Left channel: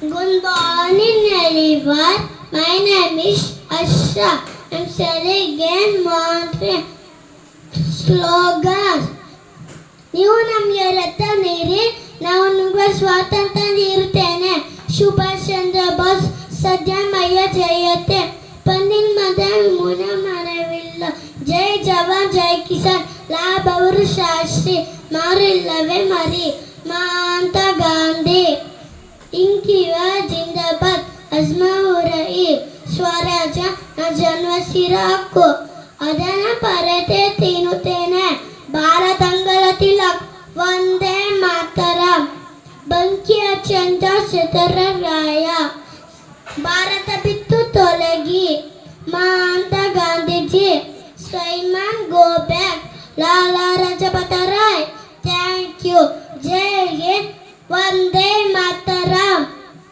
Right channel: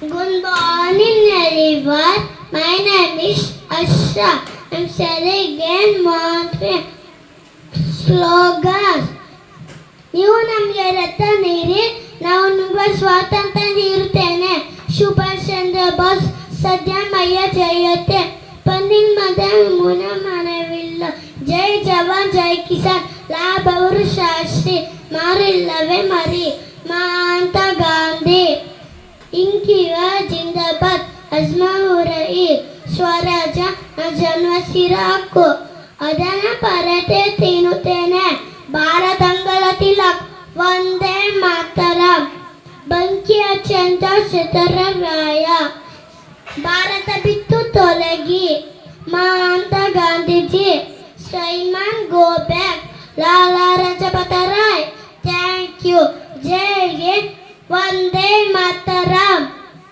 Good morning, everyone. My name is Asha. I'm selling again Montreal slogans. ನೀವು ನಮಗೆ ರಥ ನೀಡಿ ನಾವು ನಿಮಗೆ ಸ್ವಾತಂತ್ರ್ಯ ನೀಡುತ್ತೇನೆ. ಸುಭಾಷ್ ಚಂದ್ರ ಬೋಸ್ ಸದ್ಯಮಯ್ಯ ಜಯತೆ ಪಂದಿನ ಮದ ಮುನ ಮನವಿಲ್ಲ. ಜೈ ಜವಾನ್ ಜೈ ಕಿಸಾನ್ ಲಾಭವರು ಶಾಸ್ತ್ರಿ ಮಾರಿಲ್ಲವೇ ಮರಿ ಮಾಂತ ಗಾಂಧಿ ಇಂಕಿವ ಜಿಂದಾಬಾದ್ ಅಜ್ಮಾವುರೈ ಸ್ವರಾಜ ಜನ್ಮಸಿರ ಹಕ್ಕು ಅದನ್ನ ಪರತೆ ತಿನ್ನುತ್ತೇನೆ. ಭಾರತಂಗಳ ತಿಲಕ್ ವಂದೇ ಮಾತರ ಬಂಕಿಯ ಚಂದ್ರ ಶತರರಾಯ ಭಾರತ ಬಿತ್ತು ತೊಲಗಿ ಮಾಂತ Gandhiji Simon go back Lala Lajpat Rai thank you. ಜೈ ಹಿಂದ್ ವಂದೇ